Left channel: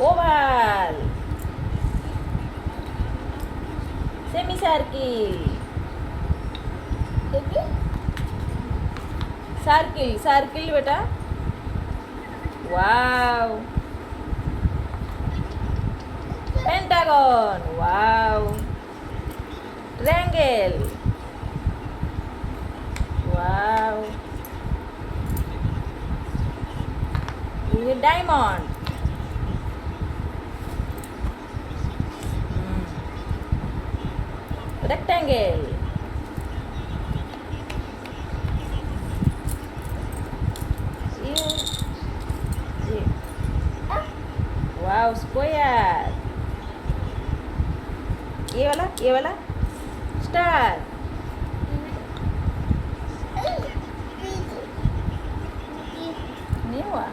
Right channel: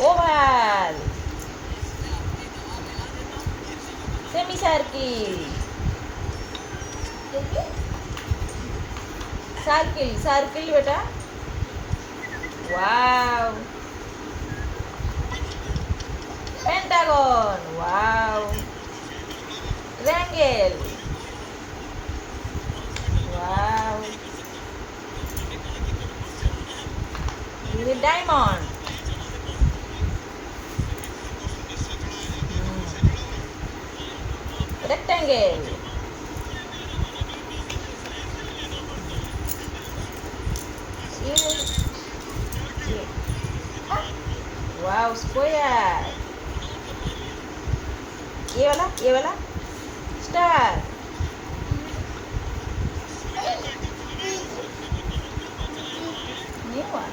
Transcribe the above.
oval, semicircle, circle, circle बेटा, wow, pentagon, wow, triangle, wow, this is diamond, rectangle, ये- wow, square, ये वाला star नहीं हुआ